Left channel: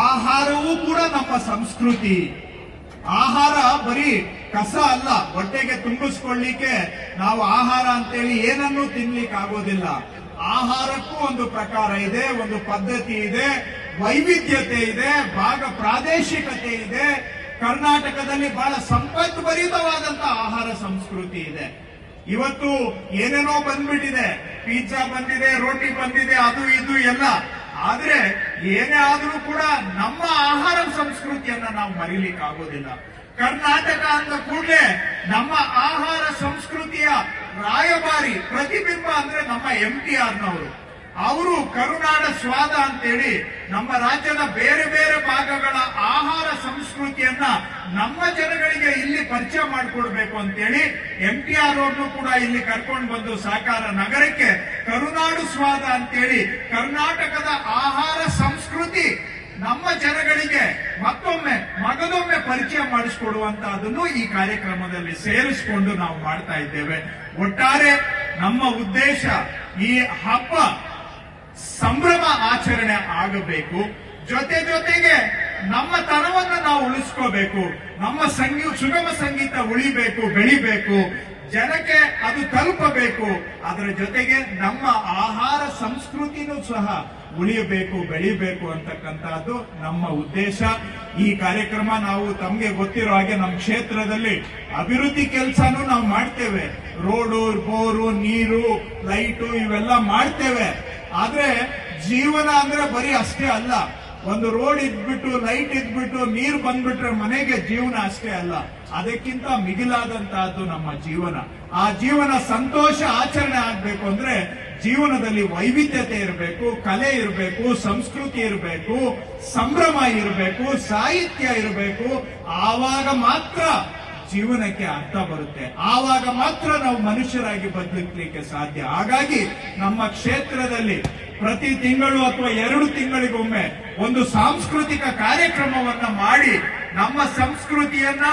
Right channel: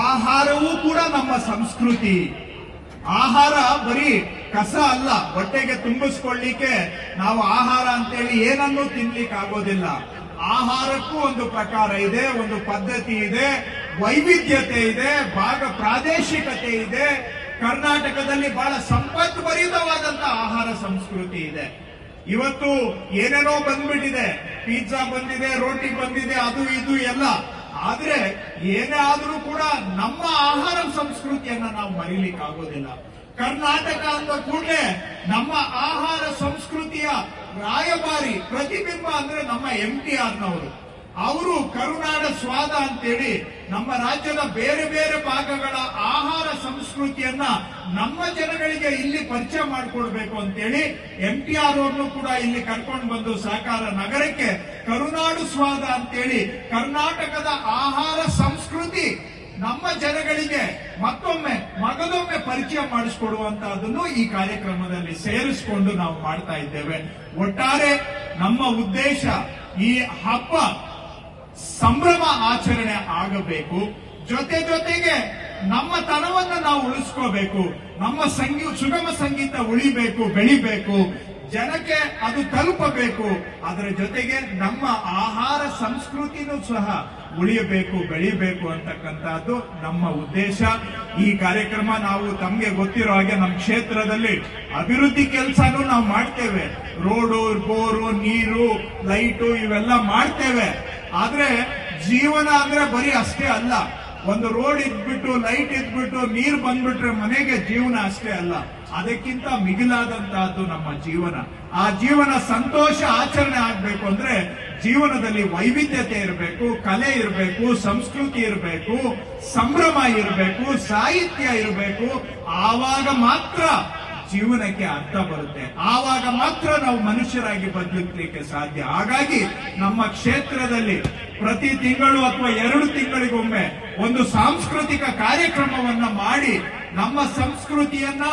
ಆಹಾರವೂ ಕೂಡ ನಮ್ಮ ಸಂಸ್ಕೃತಿ. ಆಹಾರ ಬರೀ ಕಸ ಅಲ್ಲ, ಹೊಟ್ಟೆಗೆ ತುಂಬಿಸ್ಕೊಳ್ಳಿಕ್ಕೆ ನಾವು ಆಹಾರ ಅಂತೇಳಿ ಏನನ್ನೂ ತಿನ್ಲಿಕ್ಕೆ ಆಗೋದಿಲ್ಲ. ಆಹಾರಕ್ಕೂ ಒಂದು ಪ್ರಕಾರ ಇದೆ, ಒಂದು ಪದ್ಧತಿ ಇದೆ, ವೈವಿಧ್ಯತೆ ಇದೆ, ಪ್ರಾದೇಶಿಕತೆ ಇದೆ. ಕರ್ನಾಟಕದಲ್ಲಿ ಬಹಳ ಸಂಪದ್ಭರಿತವಾದಂತಹ ಆಹಾರ ಸಂಸ್ಕೃತಿ ಇದೆ. ಇವತ್ತು ಏನೇನೋ ಬಂದ್ಬಿಟ್ಟಿದೆ, ಪಿಜ್ಜಾ ಬಂದಿದೆ, ರೋಟಿ ಬಂದಿದೆ, ಅದು ಇದು ಎಲ್ಲ. ಆದ್ರೆ ಏನೇ ಆದ್ರೂ ಕೂಡ ನಮ್ಮ ಆಹಾರ ಸಂಸ್ಕೃತಿಯನ್ನ ನಾವು ಮರೀಲಿಕ್ಕೆ ಆಗೋದಿಲ್ಲ. ಕರ್ನಾಟಕ ಅಂದ ಕೂಡಲೇ ನಮ್ಮ ಆಹಾರ ಸಂಸ್ಕೃತಿಯ ರಾಯಭಾರಿ ಪ್ರತಿಬಿಂಬ ಅಂದ್ರೆ ನಮ್ಮ MTR ನವರು. ಅವರು ಕರುನಾಡ ಸ್ವಾದ ಅಂತೇಳಿ ನಮ್ಮ ರಾಜ್ಯದ ಬೇರೆ ಬೇರೆ ಭಾಗಗಳ ಆಹಾರ ಸಂಸ್ಕೃತಿಯನ್ನ ನಮ್ಮ ಜನಗಳಿಗೆ ಇಲ್ಲಿ ಪರಿಚಯ ಮಾಡಿಕೊಡ್ಬೇಕು ಅಂತೇಳಿ MTR ಅವ್ರನ್ನು ಕೂಡ ಇಲ್ಲಿ ಕರ್ಕೊಂಡು ಬಂದು ಸಹಕಾರ ನಗರಕ್ಕೆ ಕರುನಾಡು ಸ್ವಾದ ಅಂತೇಳಿ ಕರ್ನಾಟಕದ ಆಹಾರ ಸಂಸ್ಕೃತಿ ನಮ್ಮ ಜನಗಳಿಗೆ ಮಗದೊಮ್ಮೆ ಪರಿಚಯ ಮಾಡಿಸಿಕೊಡುವಂತಹದನ್ನು ಈ ಕಾರ್ಯಕ್ರಮದಲ್ಲಿ ಸೇರಿಸಿಕೊಂಡು ನಾವು ಮಾಡ್ತಾ ಇದ್ದೇವೆ. ಒಟ್ಟಾರೆ ನಮ್ಮ ಉದ್ದೇಶ ಈ ಹಬ್ಬ ಸಂಭ್ರಮ ಆಚರಣೆ ಆಗಬೇಕು. ಜೊತೆಗೆ ನಮ್ಮ ತನವನ್ನು ನಾವು ಉಳಿಸ್ಕೋಬೇಕು. ನಮ್ಮ ಸುಗಮ ಸಂಗೀತ ಉಳಿಬೇಕು, ಬೆಳಿಬೇಕು, ಜನಕ್ಕೆ ಅದು ತಲುಪಬೇಕು. ಅದರ ಜೊತೆಗೆ ನಮ್ಮ ಆಹಾರ ಸಂಸ್ಕೃತಿನೂ ಸಹ ಉಳಿಯಬೇಕು, ಬೆಳಿಬೇಕು ಅಂತಕ್ಕಂಥದ್ದು ನಮ್ಮ ಉದ್ದೇಶ. ಈ ಕಾರ್ಯಕ್ರಮ ನಾವು ತಮಗೆ ಗೊತ್ತಿರೋ ಹಾಗೆ ನಮ್ಮ ಕ್ಷೇತ್ರದಲ್ಲಿ ಅಭಿವೃದ್ಧಿ ಕೆಲಸನೂ ನಾವು ಮಾಡ್ತೇವೆ. ರೋಡು, ಬೋರು, ನೀರು, ಲೈಟು ಇವೆಲ್ಲ ಮಾಡ್ತೇವೆ. ಆದ್ರೆ ಜೀವನ ಅಂದ್ರೆ ಬರೀ ಅಷ್ಟೇ ಅಲ್ಲ. ಒಂದು ರೋಡ್ ಇದ್ಬಿಟ್ಟು, ಲೈಟ್ ಇದ್ಬಿಟ್ಟು, ನೀರು ಬಂದ್ಬಿಟ್ರೆ ಮನೆಗೆ ಜೀವನ ಅಷ್ಟೇ ಅಲ್ಲ. ಅದಕ್ಕಿಂತ ಮಿಗಿಲಾದಂತಹದ್ದು ನಮ್ಮ ಜೀವನ. ಆ ಜೀವನ ಸಂತೋಷ ಆಚರಣೆ ಆಗ್ಬೇಕು ಅಂದ್ರೆ ಜೀವನದಲ್ಲಿ ವೈವಿಧ್ಯತೆ ಇರಬೇಕು, ಕಲೆ ಇರಬೇಕು, ಸಂಸ್ಕೃತಿ ಇರಬೇಕು, ಸಂಭ್ರಮ ಇರಬೇಕು, ಸಾಹಿತ್ಯ ಇರಬೇಕು. ಆವಾಗ ಮಾತ್ರ ಜೀವನಕ್ಕೆ ಅರ್ಥ ಬರುತ್ತೆ. ಆವಾಗ ಮಾತ್ರ ನಾವು ಮನುಷ್ಯರಾಗಿ ಬದುಕಲಿಕ್ಕೆ ಸಾಧ್ಯ. ಹಾಗಾಗಿ ನಮ್ಮ ಕ್ಷೇತ್ರದಲ್ಲಿ ಪ್ರತಿ ತಿಂಗಳು ಅಥವಾ 2 ತಿಂಗಳಿಗೊಮ್ಮೆ ಒಂದು ಸಾಂಸ್ಕೃತಿಕ ಕಾರ್ಯಕ್ರಮವನ್ನ ಮಾಡಿ ನಮ್ಮ ಸಂಸ್ಕೃತಿಯನ್ನ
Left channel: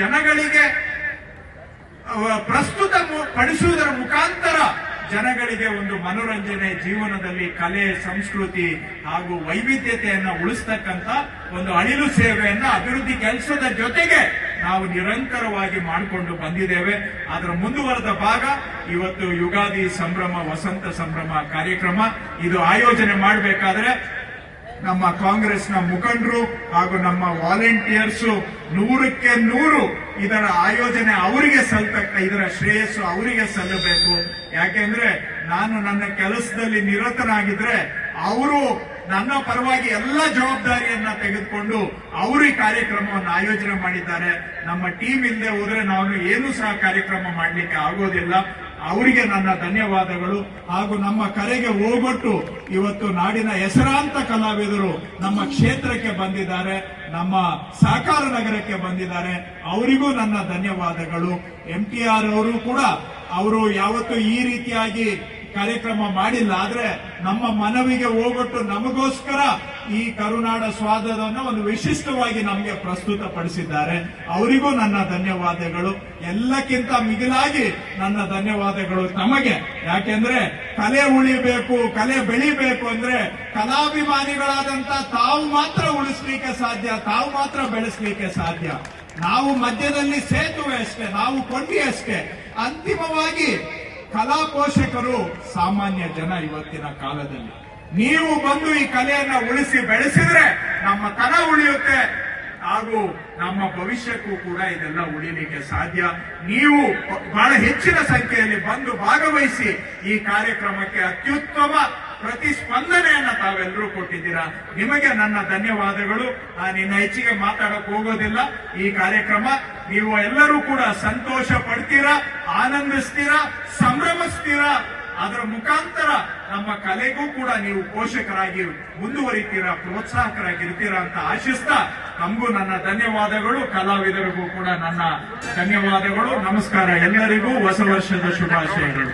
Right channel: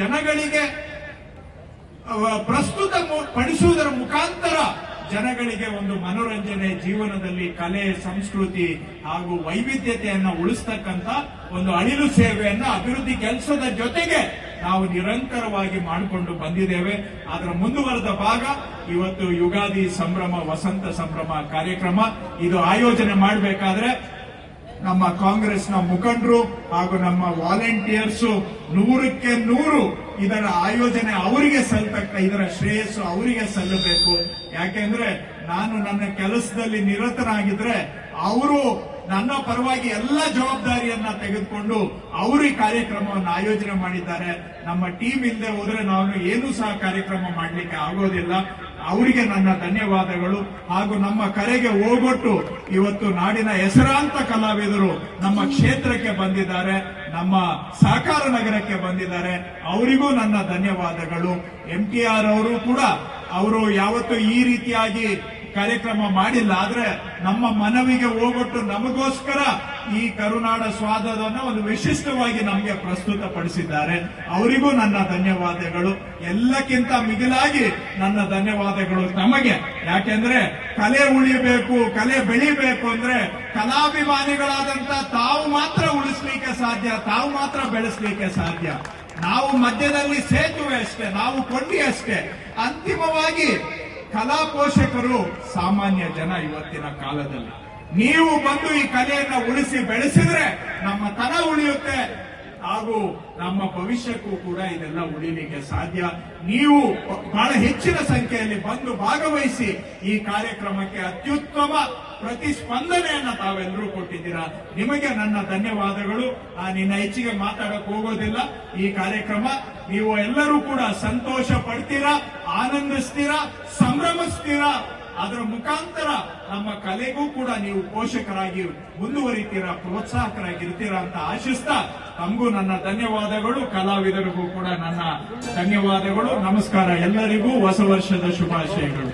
ಜನಗಳಿಗೆ ಪ್ರಸ್ತುತ ಪಡಿಸುವುದರ ಮುಖಾಂತರ ಜನಗಳಿಗೆ ಒಂದು ಮನೋರಂಜನೆ, ಜೀವನದಲ್ಲಿ ಕಲೆ, ಸಂಸ್ಕೃತಿ ಹಾಗೂ ವೈವಿಧ್ಯತೆಯನ್ನ ಉಳಿಸ್ತಕ್ಕಂಥ ಒಂದು ಅಳಿಲು ಸೇವೆಯನ್ನ ಅಭಿವೃದ್ಧಿ ಕೆಲಸದ ಜೊತೆಗೆ ನಾವು ನಿರಂತರವಾಗಿ ಮಾಡಿಕೊಂಡು ಬಂದಿದ್ದೇವೆ. ಅದರ ಮುಂದುವರೆದ ಭಾಗ ಇವತ್ತು ಯುಗಾದಿ ಸಂಭ್ರಮ, ವಸಂತ ಸಂಭ್ರಮ ಕಾರ್ಯಕ್ರಮ. ಇದು ಆಯೋಜನೆ ಮಾಡಬೇಕಾದ್ರೆ ನಮ್ಮ ಕಾಂಗ್ರೆಸ್ನ ಮುಖಂಡರು ಹಾಗೂ ನಮ್ಮ ವಾಲಂಟಿಯರ್ಸ್ 100ಕ್ಕೆ 100 ಇದರ ಆಯೋಜನೆ ಅವರಿಗೆ ಇದರ ಶ್ರೇಯಸ್ಸು ಅವರಿಗೆ ಸಲ್ಲಬೇಕು. ಯಾಕೆಂದ್ರೆ ನಾನು ನನ್ನ ಕೆಲಸದಲ್ಲಿ ನಿರತನಾಗಿದ್ರೆ ಅವರು ನನ್ನ ಪರವಾಗಿ ಎಲ್ಲ ಜವಾಬ್ದಾರಿಯನ್ನ ತೆಗೆದುಕೊಂಡು ಅವರು ಈ ಕಾರ್ಯಕ್ರಮವನ್ನು ಆಯೋಜನೆ ಮಾಡಿದ್ದಾರೆ. ನಮ್ಮ ಟೀಮ್ ಇಲ್ಲದೆ ಹೋದ್ರೆ ನಾವು ಏನೂ ಸಹ ಕಾರ್ಯಕ್ರಮ ಮಾಡಲಿಕ್ಕೆ ಆಗೋದಿಲ್ಲ. ಅವರಿಗೆ ನನ್ನ ಧನ್ಯವಾದಗಳು. ಹಾಗೂ ನಮ್ಮ ಕರೆಗೆ ಹೋಗೊಟ್ಟು ಇವತ್ತು ನಾಡಿನ ಹೆಸರಾಂತ ಕಲಾವಿದರು ನಮ್ಮ ಕ್ಷೇತ್ರಕ್ಕೆ ಬಂದಿದ್ದಾರೆ, ನಮ್ಮ ಸಹಕಾರ ನಗರಕ್ಕೆ ಬಂದಿದ್ದಾರೆ. ಅವರಿಗೂ ನನ್ನ ಧನ್ಯವಾದಗಳು. MTR ಅವರು ಕೂಡ ಅವರು ಯಾವತ್ತೂ ಈ ರೀತಿಯಾಗಿ ಕಾರ್ಯಕ್ರಮ ಮಾಡಿಲ್ಲ. ಆದ್ರೆ ನಮ್ಮ ಮನವಿಗೆ ಹೋಗೊಟ್ಟು ನಮಗೋಸ್ಕರ ಈ ಕರುನಾಡ ಸ್ವಾದವನ್ನು ಒಂದು ವಿಶಿಷ್ಟವಾಗಿ ನಮಗೆ ಪ್ರಸ್ತುತಪಡಿಸಿದ್ದಾರೆ. ಅವರಿಗೂ ನನ್ನ ಧನ್ಯವಾದಗಳು. ಎಲ್ಲಕ್ಕಿಂತ ಮಿಗಿಲಾಗಿ ನನ್ನ ಧನ್ಯವಾದಗಳು ತಮಗೆ. ಯಾಕೆಂದ್ರೆ ಕಲೆ ಉಳಿಬೇಕು, ಕಲೆ ಬೆಳಿಬೇಕು ಅಂದ್ರೆ ಕಲಾಭಿಮಾನಿಗಳಾದಂತ ತಾವು ಮಾತ್ರ ಉಳಿಸ್ಲಿಕ್ಕೆ ಸಾಧ್ಯ, ತಾವು ಮಾತ್ರ ಬೆಳೆಸಲಿಕ್ಕೆ ಸಾಧ್ಯ. ನಾವು ಮಧ್ಯದಲ್ಲಿ ಸೇತುವೆ ಅಷ್ಟೇ, ನಾವು ಕೊಂಡಿ ಅಷ್ಟೇ. ಅಂತಿಮವಾಗಿ ಕಲಾ ಪೋಷಕರು ಸಾಮಾನ್ಯ ಜನ. ಇವತ್ತಿನ ಕಾಲದಲ್ಲಿ ನೀವು ಬಂದು ಈ ಕಲೆಯನ್ನ ಉಳಿಸಿ ಬೆಳೆಸಿದ್ರೆ ನಮ್ಮ ತನ ಉಳಿಯುತ್ತೆ ಹಾಗೂ ನಮ್ಮ ಭವಿಷ್ಯಕ್ಕೂ ಕೂಡ ಇದೆಲ್ಲ ಉಳಿಲಿಕ್ಕೆ ಸಾಧ್ಯ. ನೀವು ಬಹಳ ಹೆಚ್ಚಿನ ಸಂಖ್ಯೆಯಲ್ಲಿ ಬಂದು ಭಾಗವಹಿಸಿ ಈ ಕಾರ್ಯಕ್ರಮಕ್ಕೆ ಅತ್ಯುತ್ತಮ ಪ್ರತಿಸ್ಪಂದನೆಯನ್ನ ತಾವೆಲ್ಲರೂ ಕೊಟ್ಟಿದ್ದೀರಾ. ನಿಮಗೆ ನನ್ನ ಧನ್ಯವಾದಗಳು. ನಿನ್ನ ಹೆಚ್ಚಿಗೆ ಮಾತಾಡಕ್ ಹೋಗೋದಿಲ್ಲ. ಈ ಕಾರ್ಯಕ್ರಮ ನೀವು ಎಲ್ಲರೂ ಕೂಡ ಸಂತೋಷ ಪಡ್ತೀರಾ, ಆನಂದಿಸ್ತೀರಾ, ಸಂಭ್ರಮಿಸ್ತೀರಾ. ಅದರ ಮುಖಾಂತರ ನಮ್ಮ ಕಲೆಗೂ ಕೂಡ ನೀವು ಪೋಷಕರಾಗಿ ಮುಂದುವರಿತೀರಾ, ಪ್ರೋತ್ಸಾಹಕರಾಗಿರ್ತೀರಾ ಅಂತ ಆಶಿಸ್ತಾ ನಮಗೂ ನನ್ನ ಧನ್ಯವಾದಗಳು. ಕಲಾವಿದರಿಗೂ ಕೂಡ ನನ್ನ ಧನ್ಯವಾದಗಳು. ನಮಸ್ಕಾರ. ಎಲ್ಲರಿಗೂ ಹೊಸ ವರ್ಷದ ಶುಭಾಶಯಗಳು.